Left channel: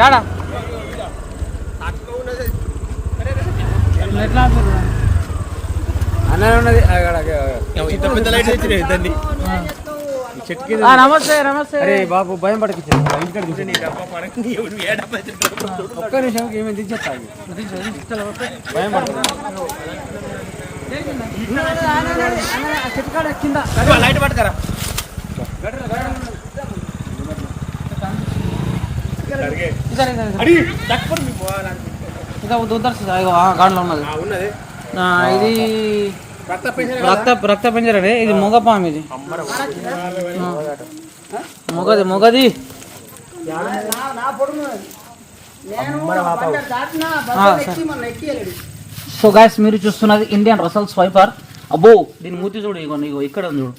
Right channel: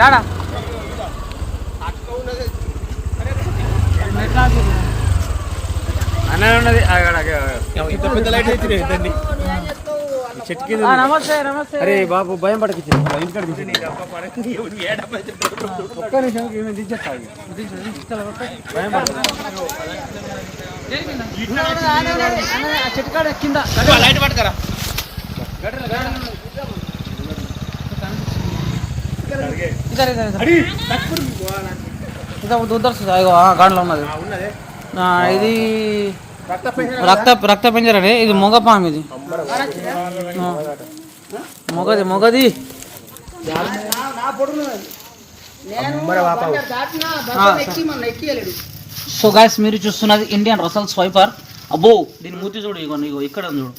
యాడా? అన్న ఉన్నది. నమస్తే నమస్తే. అరే బాబు భయం పడకిచ్చి ఇంటికాడ తీసి ఒక్క నిమిషం ఏమి దించేస్తా భయం పడుతుంది గాడిలో ఉన్నది. ఇది రక్త రక్త పింజరే ఇది మొగపాము ఇది. మొగది మొగది. సో గాయస్ మీరు చూస్తున్నది ఇండియన్ రసల్ స్వైపర్. అబ్బో దీని మూతి చూడు ఇగో ఇగో ఇక్కడ ఉంది చూడు.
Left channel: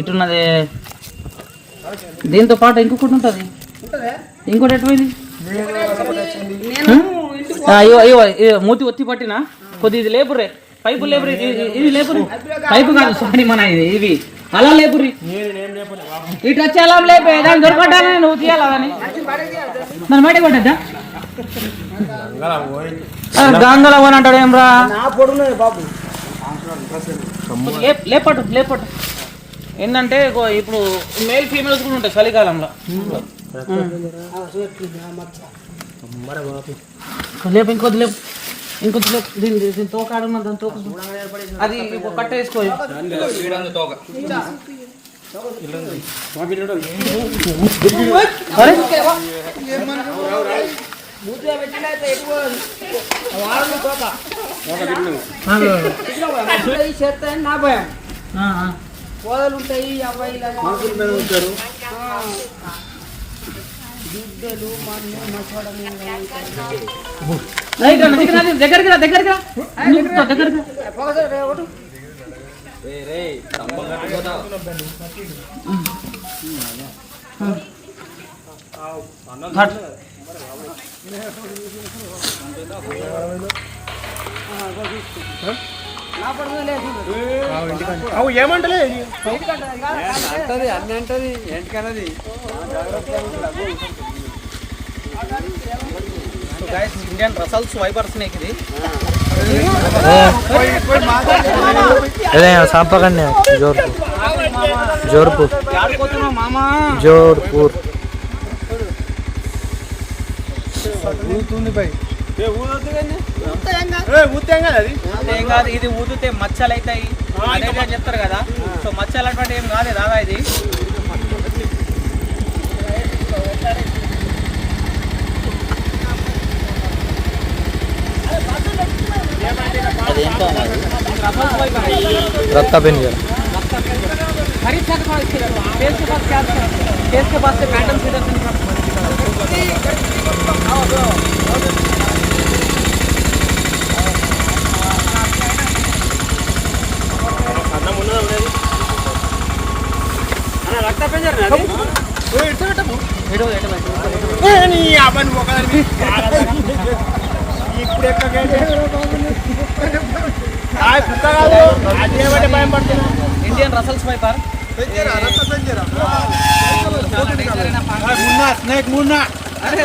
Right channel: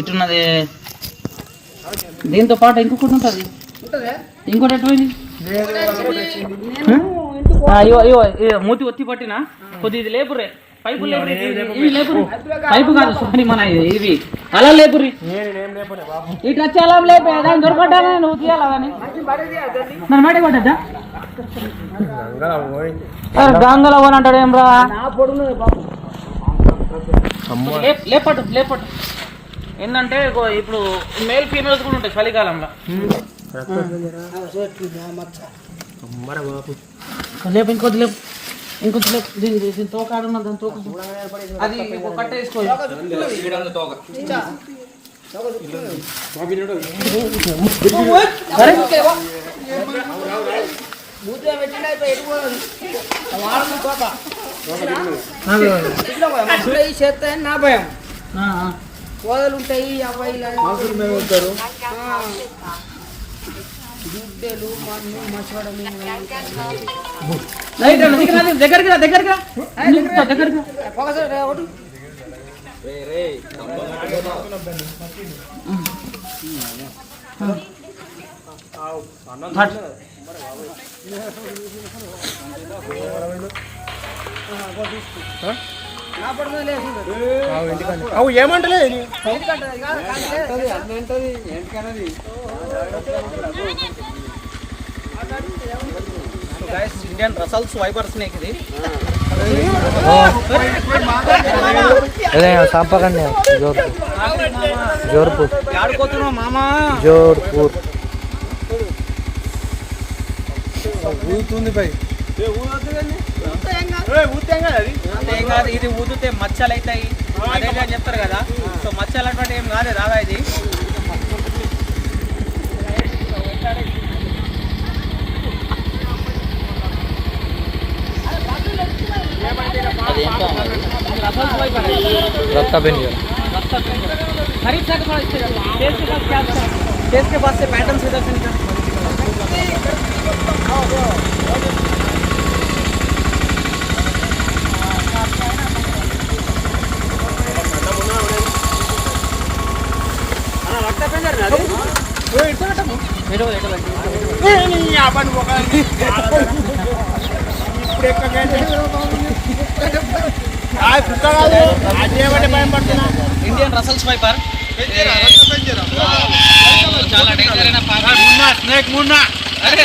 ఇటున్నది. దీంతో పాటు ఇంకొకటి ఉంటుంది. ఇంకోటి ఎటుపోయింది మూతి ఒత్తి పట్టిన? కొద్ది ఇది లేపురే పైపు లేపురి ఇది లేపురి పైపు కాదు సారీ మన ఇది ఇవి. అలా లేపురి ఇటు వచ్చి అలా లేపే దాన్ని దొరకటాలని నువ్వు తీయాలని మన మేడ పడ్డా గంగల పోని అంటాడు ఏం రా లేప్- లేపట్టు లేపట్టు. ఏంటంటే ఇప్పుడు మేల్ ఫీమేల్స్ కూడా ఉంటాయి చలికాలంలో. లేపు ఇంకొద్ది లేపు. ఇంకొద్ది లేపు. దీని దీని తోక ఆడున్న దాని తోక చూడు. అది ఒక కట్ట వేసుకో. అరే. ఆ, ఆ. రైట్ అన్న దగ్గర రా, దగ్గరికి రా. దగ్గరికి ఇండియన్ రసల్ స్వైపర్ స్నేక్ ఇది. జోర్పూర్ జోర్పూర్ ఆడుకోతున్నావు మామా. జోర్పూర్ ఏం కాదు ఇది ఊదితే మచ్చలు అవుతాయి అదే అని చెప్తారు కదా సో మచ్చలు అటువంటి ఏం కాదు రాదా ఇది रक्ता पेन गया खरीद सकता है इससे केस के पास क्या अच्छा है? केस के पास से पैटर्न सीधा सीधा ఇండియన్ రసల్ స్వైపర్ చాలా డేంజర్ అయిన పాక స్నేక్ మున్నా అరే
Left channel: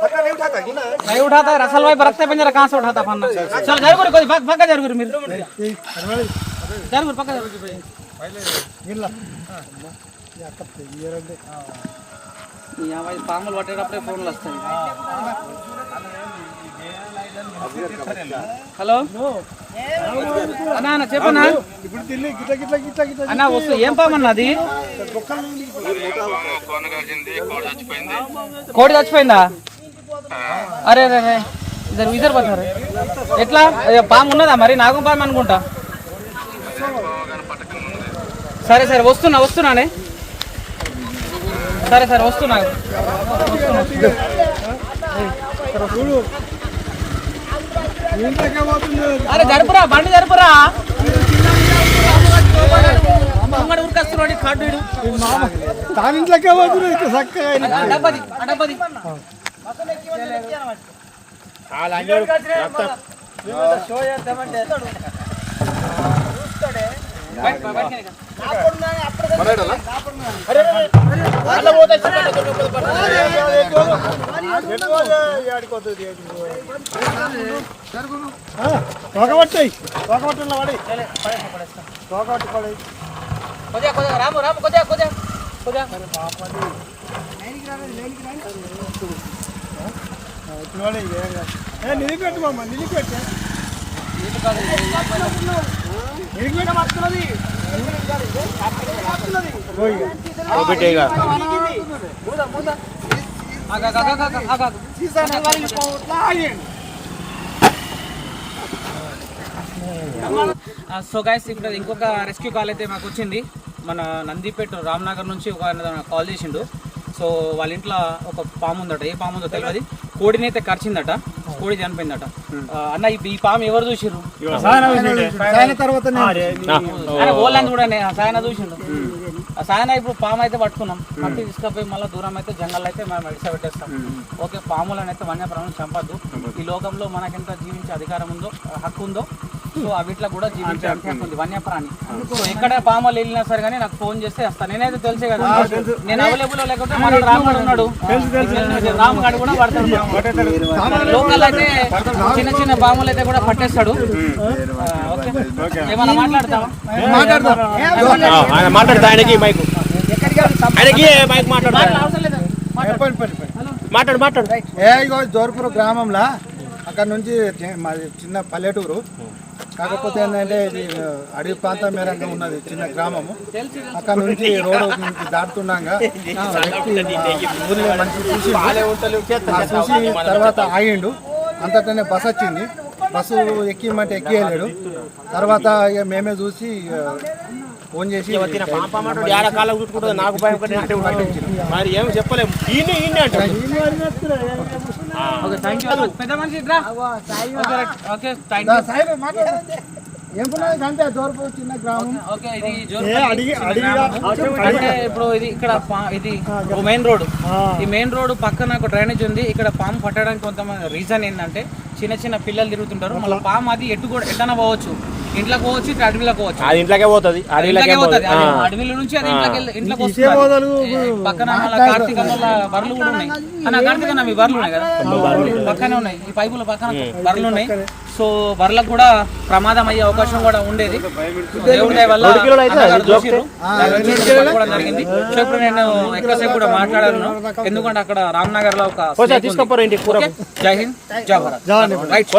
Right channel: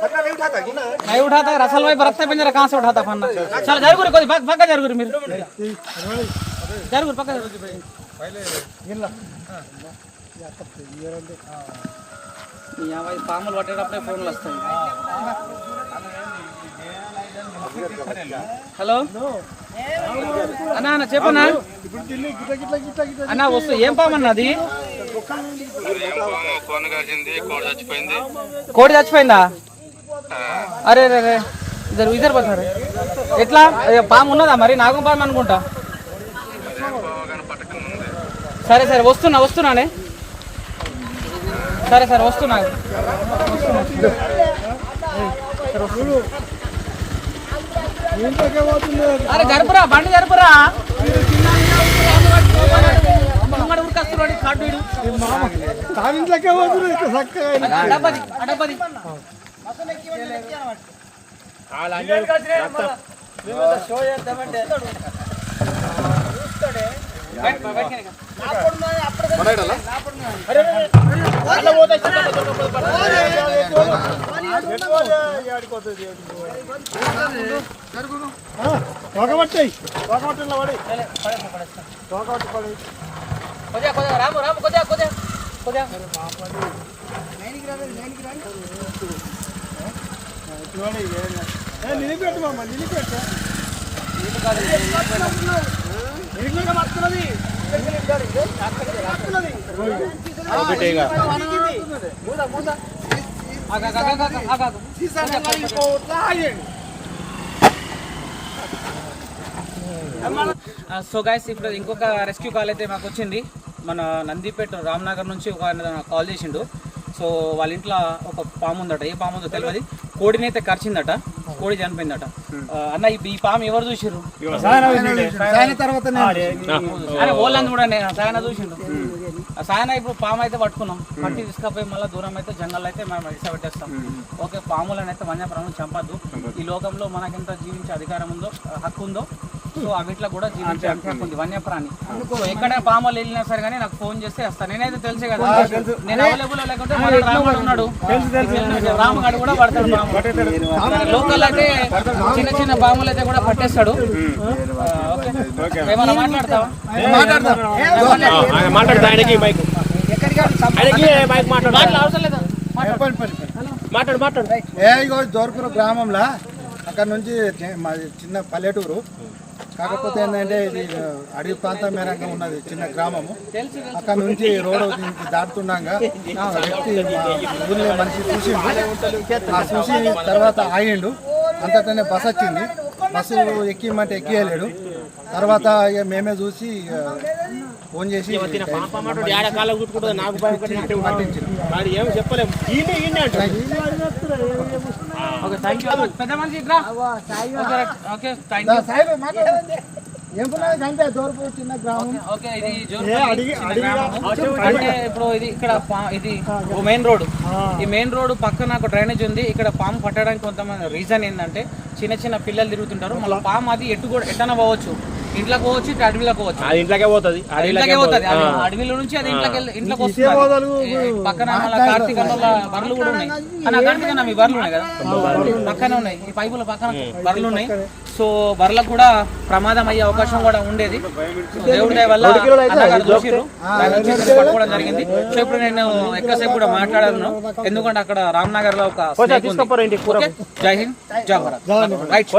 नहीं उठाता है रसल भाई बरसते पिंजरा कहाँ से उठाता फन्ना चल जरूर कोई भाग भाग जरूर మీరు జరుగురు పక్క యాభై పాములు పట్టేటప్పుడే ఫోన్లు వస్తాయి హలో అన్నా అన్న చెప్పన్నా అన్న వస్తు ఏం పాము అన్న అది కోడి చచ్చిపోయిందా అరే అరే అరే ఇద్దరు ఇద్దరు పట్టారు. ఎట్లా? ఏ, పాము ఉన్నదా మరి? నాగం పాము అనుకుంటా. సరే సరే వస్తున్నా వస్తున్నానే సరే సరే వస్తున్నా. వస్తున్నా అరే జరుపురా బండి జరుపురా. ముంగడు ఉరికొస్తున్నాడు, ఈ అడపది. బయట, బయట. కొద్దిగా కొద్దిగా రాము రాము కొద్దిగా కొద్దిగా. కొద్దిగా. సో గైస్ ఇప్పుడు ఇంకొక రెస్క్యూ కాల్ అయితే మాకు వచ్చింది. మన నందిపేట రామ్నగర్ నుంచి ఒక ఆయన కాల్ చేసిండు. సో వాళ్ళ ఇంట్లో ఒక పాము ఉందట. ఏ పాము ఉందో తెలియదు. కోడిని అయితే కరిచిందట కోడి చనిపోయిందట. అన్న ఈ- పాము ఎవరు చూసిర్రు? ఓళ్ళని చూడండి ఆ సాయన చూసిండు. సాయన ఇప్పుడు పాము అయితే పట్టుకున్నాం. పట్టి తీసుకపోయి మళ్ళీ దూరం అయితే జంగల్ అయితే మనం ఇడిస పెట్టేస్తాం ఓకే పాములను అయితే వన్యప్రాణులు చంపద్దు. ఈ లోకంలో మనకెంత జీవించే అధికారం ఉందో హక్కు ఉందో సో అవిట్లో కూడా జీవించే ఉంది. వన్యప్రాణి. సో ఎక్కడ పాములు వెళ్ళినా సరే కానీ నాకు ఫోన్ చేస్తే వస్తాను నేనైతే తెలిసే కదా నేను అవైలబుల్ లేకపోతే రాముడు ఉన్నాడు. రాముగాడు కూడా పడతాడు. లోకల్ అయితే చిన్న చిన్న పాములు అయితే కూడా పట్టేస్తాడు. ఏమన్నా మాట్లాడతావా? మాట్లాడు. మాట్లాడు మాట్లాడు. ఏ ఇగో జోర్పూర్ గ్రామంలో అక్కడ నుంచి మాది చిన్న పల్లెటూరు. కాకపోతే ఏంటంటే ఇది అడవి ప్రాంతం మేరంగా ఉన్నది చిన్న గ్రామము. అక్కడ నుంచి రోడ్డు నుంచి దాటుతున్నాగా ఒక వ్యక్తి ఊర్లో మనిషి చూసిండు. ఆ చూసి తర్వాత ఆగిండు. అంతటనే బస్ వచ్చింది. బస్సు ఎక్కిమంటే ఎక్కియలేడు. తర్వాత ఇక మేమే చూసి ఫోన్ చేసి పట్టించినాం. ఓకే థ్యాంక్ యూ పెద్ద మనిషి. ఓకే థ్యాంక్ యూ అంతే చిన్న గ్రామం. ఓకే ఇది ఇప్పుడు ఇది ఇక్కడ పా- ఇది మెయిన్ రోడ్ ఈ మెయిన్ రోడ్ పక్కన ఒక డ్రైనేజ్ ఉంది. ఇక్కడ పాము పట్టడానికి కొంతమంది రీజన్ ఏంటంటే చిన్న చిన్న పిల్లలు తిరుగుతుంటారు. మళ్ళీ పాము అది ఎటు కూడా ఎట్టన పోవచ్చు. ఇంట్లోకి పోవచ్చు ఇట్లా అడవిలోకి పోవచ్చు. అది ఇంట్లోకే పోతుంది. ఇంట్లోకే అడవిలో నుంచి అది ఇంట్లోకి వెళ్ళి- ఇంట్లోకి వస్తుంది పక్కన కార్తీక బర్రెలు కూడా ఉన్నాయి. అన్న కార్తీక మీ బర్రెలు ఉన్నాయి కదా? పక్కనే ఉన్నాయి. ఈ పైపుల పక్కన బర్రెలు ఉన్నాయి. సో బర్రెలకు కూడా ప్రమాదం అయ్యే అవకాశం కూడా ఉండేది. దేవుడి వల్ల జరిగింది. సో ఇప్పుడు నేను ఎక్కువసేపు కూడా మాట్లాడాను. ఎందుకంటే అక్కడ రామ్నగర్లో ఒక? జై హింద్ జై భారత్. రైట్